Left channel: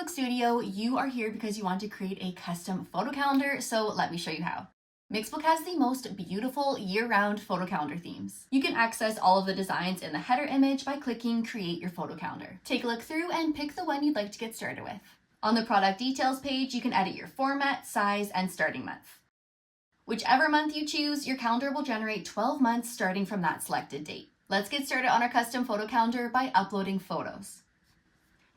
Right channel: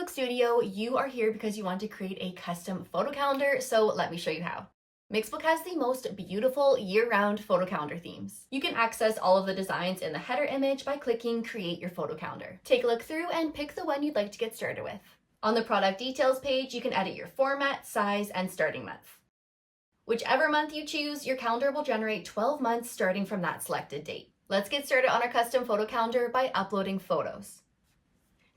Mixbook Studio, you are here because you want to create a custom photo calendar, so let me show you how. Mixbook has the most beautiful year-round photo calendar themes. You can access all of the designs in the header image by clicking Create Your Photo Calendar. Take a look through and pick the one you'd like to get started with. On the product details page, you can edit your format, size, and starting month. Whichever month you choose, your calendar will generate 12 months starting from that selected date. Let's get started on our custom photo calendar by uploading photos.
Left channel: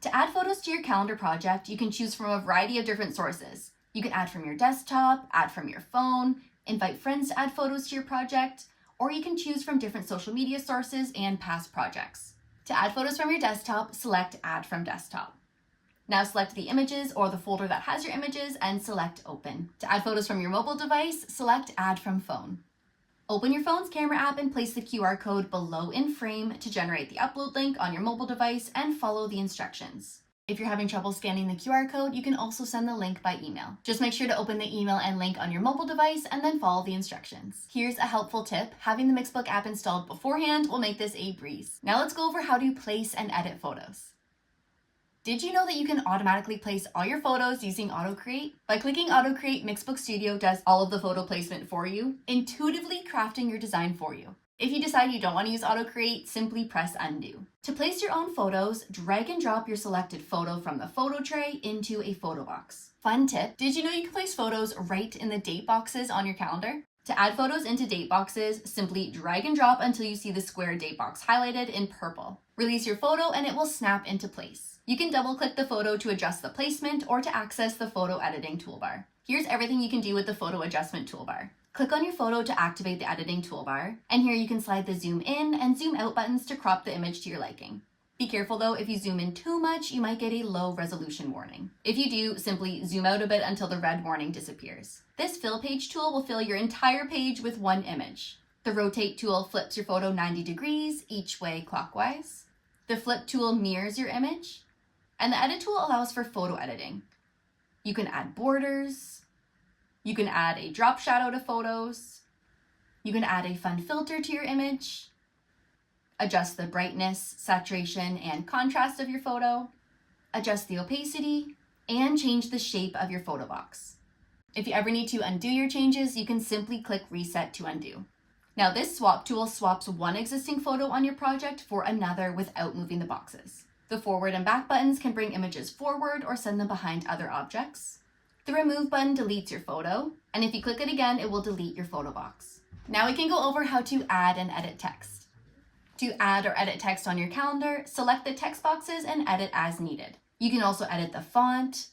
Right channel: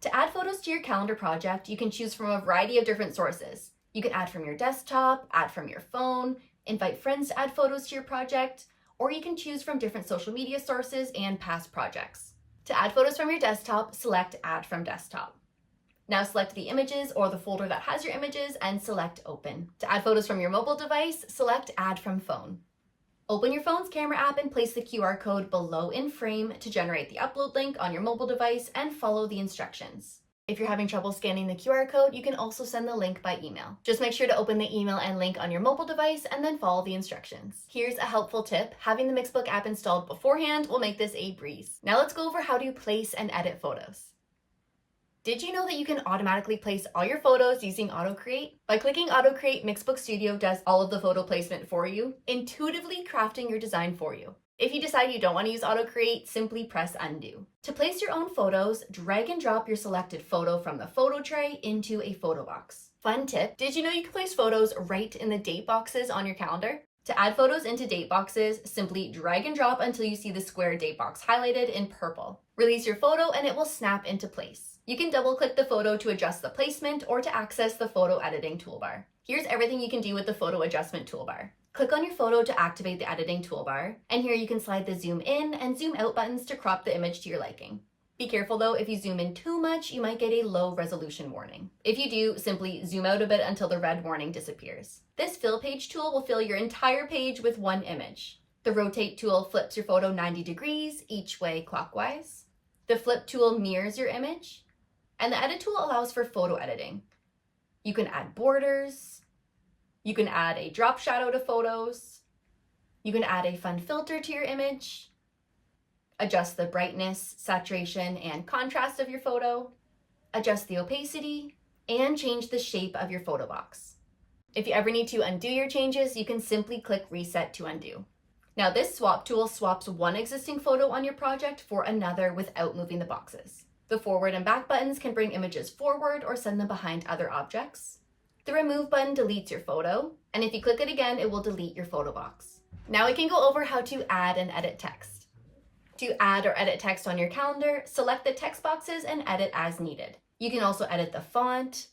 To add photos to your calendar project, you can choose from a variety of different sources. You can add from your desktop, add from your phone, invite friends to add photos to your project, or you can choose from different social media sources and past projects. To add photos from your desktop, select Add from Desktop. Now select the images or the folder that has your images and select Open. To add photos from your mobile device, select Add from Phone. Open your phone's camera app and place the QR code below in frame to generate the upload link on your mobile device and follow the instructions. If you're having trouble scanning the QR code, you can also send the link by email. Just make sure to open the email and link on your mobile device and then follow the instructions. Here's a helpful tip. Having the Mixbook app installed beforehand will make this a breeze. Now let's go over how to place and edit photos. Did you know that you can automatically place all your photos using Auto Create? By clicking Auto Create, Mixbook Studio does all of the photo placement for you, intuitively crafting your design for you. If you decide you don't want to use Auto Create, simply press Undo. To place your own photos, drag and drop your selected photo from the photo tray into a photo box. Fun tip, did you know you can place photos right in the date boxes on your calendar? To add photos into date boxes, simply drag and drop until you see the square date box highlighted in purple. Release your photo and it will snap into place. You can double-click the photo to adjust the placement or to access the photo editing toolbar. Here's everything you can do with the photo adjustment toolbar. Click on your photo to activate the editing toolbar, and here you can slide the zoom in and zoom out buttons to crop the image to your liking. Be careful though, if you zoom in too much, you might get a low resolution warning. If you do, simply zoom out a bit until the red warning disappears. This fill page tool will fill your entire page with one image. The rotate tool flips your photo 90 degrees each way clockwise. The flip tool mirrors your image. And the edit tool allows for photo editing. You can add borders. You can add a drop shadow to photos. You can add a fun filter to your image. Adjust the brightness, saturation, and contrast of your photo. Adjust the opacity, and change the shape of your photo box. If you ever need to undo your changes, you can simply click Reset to undo. Now this swap tool swaps one existing photo on your project for another without moving the boxes. The forward and back buttons can bring images forward or send them behind other objects. The remove button deletes your photo, and if you click it again, it will delete your photo box. Now we can go over how to add and edit text. To add or edit text on your calendar, select the text boxes and edit as needed. You can also edit the font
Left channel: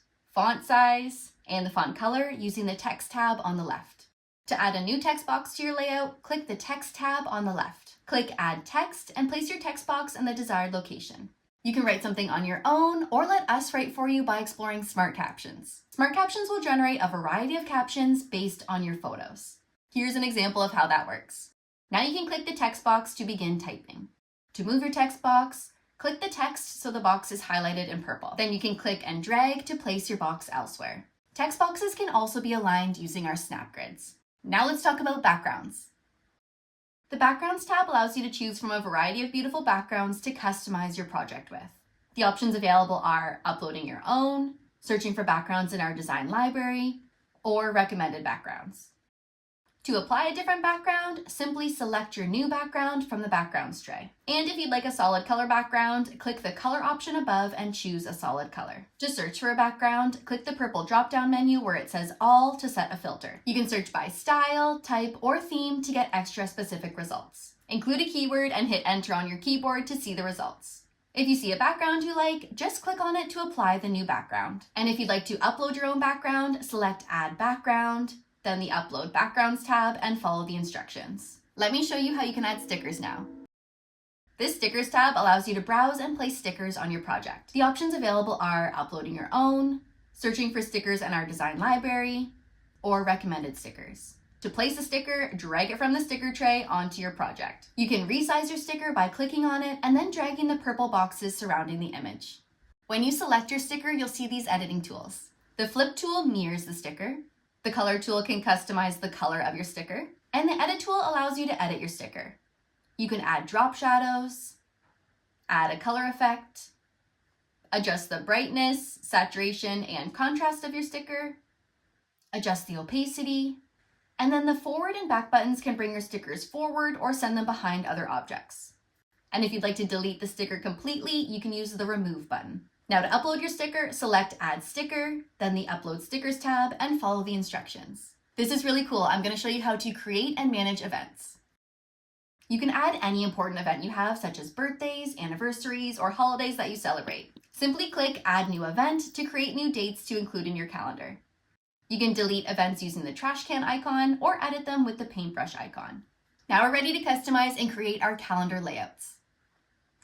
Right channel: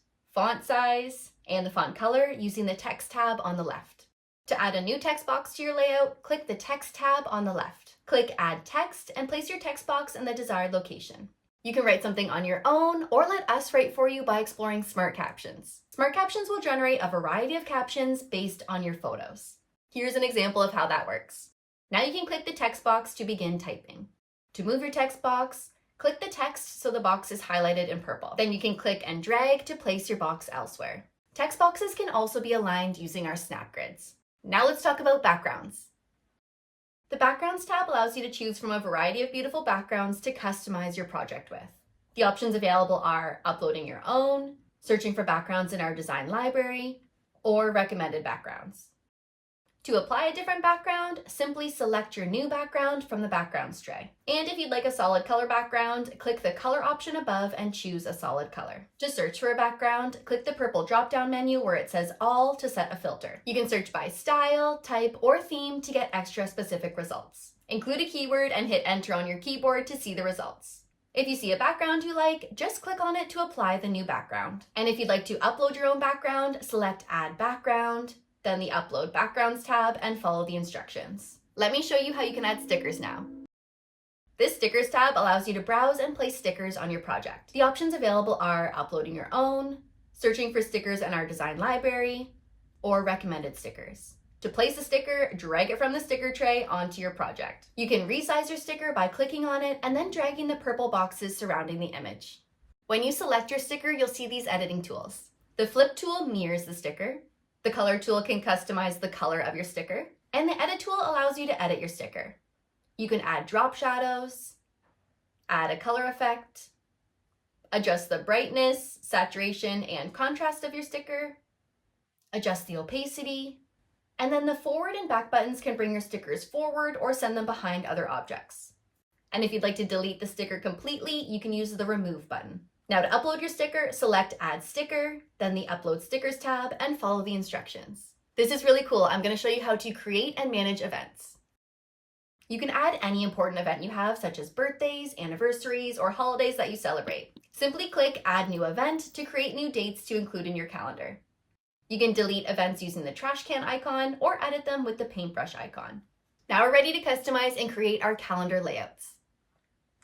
size, and the font color using the text tab on the left. To add a new text box to your layout, click the text tab on the left. Click Add Text and place your text box in the desired location. You can write something on your own or let us write for you by exploring Smart Captions. Smart Captions will generate a variety of captions based on your photos. Here's an example of how that works. Now you can click the text box to begin typing. To move your text box, click the text so the box is highlighted in purple. Then you can click and drag to place your box elsewhere. Text boxes can also be aligned using our snap grids. Now let's talk about backgrounds. The Backgrounds tab allows you to choose from a variety of beautiful backgrounds to customize your project with. The options available are uploading your own, searching for backgrounds in our design library, or recommended backgrounds. To apply a different background, simply select your new background from the backgrounds tray. And if you'd like a solid color background, click the color option above and choose a solid color. To search for a background, click the purple drop-down menu where it says All to set a filter. You can search by style, type, or theme to get extra specific results. Include a keyword and hit enter on your keyboard to see the results. If you see a background you like, just click on it to apply the new background. And if you'd like to upload your own background, select Add Background, then the Upload Backgrounds tab, and follow the instructions. Let me show you how you can add stickers now. This Stickers tab allows you to browse and place stickers on your project. The options available are uploading your own, searching for stickers in our design library, or recommended stickers. To place a sticker, drag it from the sticker tray onto your project. You can resize your sticker by clicking on it and then dragging the purple boxes surrounding the image. When you select your sticker, you'll see these editing tools. The Flip tool mirrors the sticker. The Color tool can customize the color of your sticker. And the Edit tool allows you to edit your sticker. You can add drop shadows, add a color effect, adjust the brightness, saturation, and contrast of your sticker, adjust the opacity, and then the forward and back buttons can bring your stickers forward or send them behind other objects. And if you'd like to delete the sticker completely, you can use the remove button. Now to upload your sticker, select Add Sticker, then the Upload Stickers tab, and follow the instructions. This is really cool. I'm going to show you how to create and manage events. You can add any important event you have, such as birthdays, anniversaries, or holidays that you celebrate. Simply click Add New Event to create new dates to include in your calendar. You can delete events using the trash can icon or edit them with the paintbrush icon. Now we're ready to customize and create our calendar layouts.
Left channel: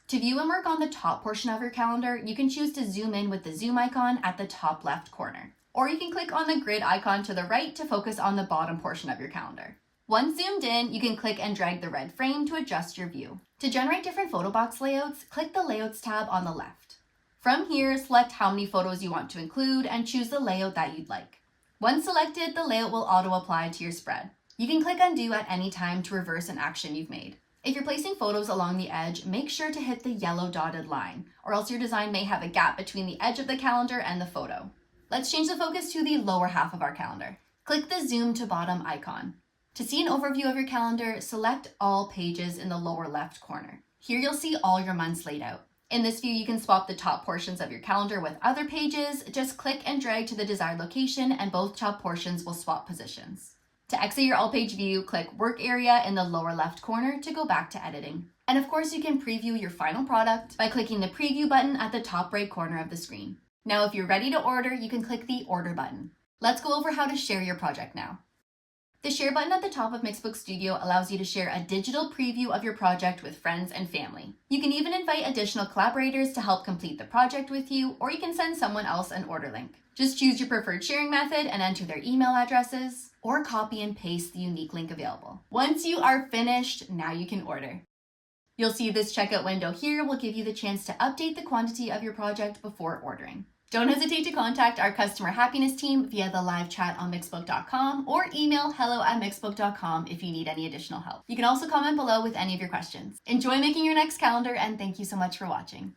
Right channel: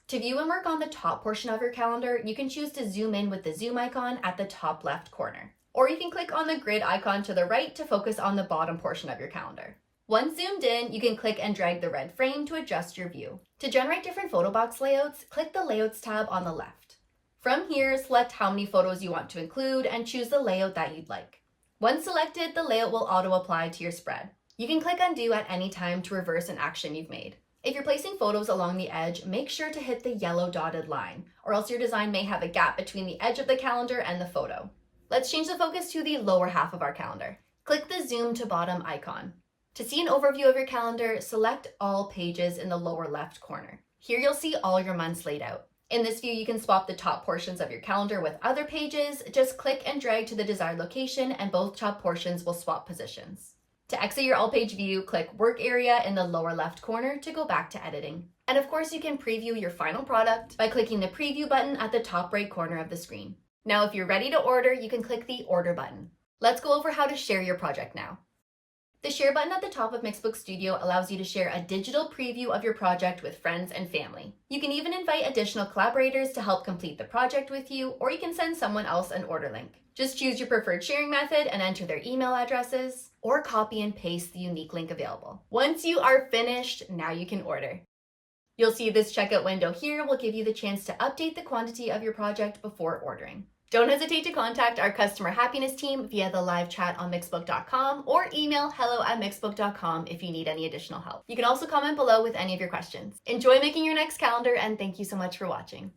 To view and work on the top portion of your calendar, you can choose to zoom in with the zoom icon at the top left corner. Or you can click on the grid icon to the right to focus on the bottom portion of your calendar. Once zoomed in, you can click and drag the red frame to adjust your view. To generate different photo box layouts, click the Layouts tab on the left. From here, select how many photos you want to include and choose the layout that you'd like. Once selected, the layout will auto-apply to your spread. You can click Undo at any time to reverse an action you've made. If you're placing photos along the edge, make sure to hit the yellow dotted line, or else your design may have a gap between the edge of the calendar and the photo. Let's change the focus to the lower half of our calendar. Click the Zoom to Bottom icon. To see an overview of your calendar, select All Pages in the lower left corner. Here you'll see all your months laid out. In this view, you can swap the top portions of your calendar with other pages. Just click and drag to the desired location and both top portions will swap positions. To exit your all-page view, click Work Area in the lower left corner to go back to editing. And of course, you can preview your final product by clicking the Preview button at the top right corner of the screen. Now, if you're ready to order, you can click the Order button. Let's go over how to share your project now. The Share button at the top of Mixbook Studio allows you to share a digital preview of your project with friends and family. You can even invite additional collaborators to help complete the project with you, or you can send someone else an order link. Just choose your preferred sharing method and enter their email addresses, or copy and paste the unique link available. Once you are finished, now you can order. You'll see this checkout window here will give you the chance to update the quantity of your project before ordering. Don't hesitate to contact our customer happiness team via the live chat on Mixbook.com or email hello@Mixbook.com if you need any additional help. You can also comment below with any of your questions. Enjoy making your next calendar, and thank you so much for watching.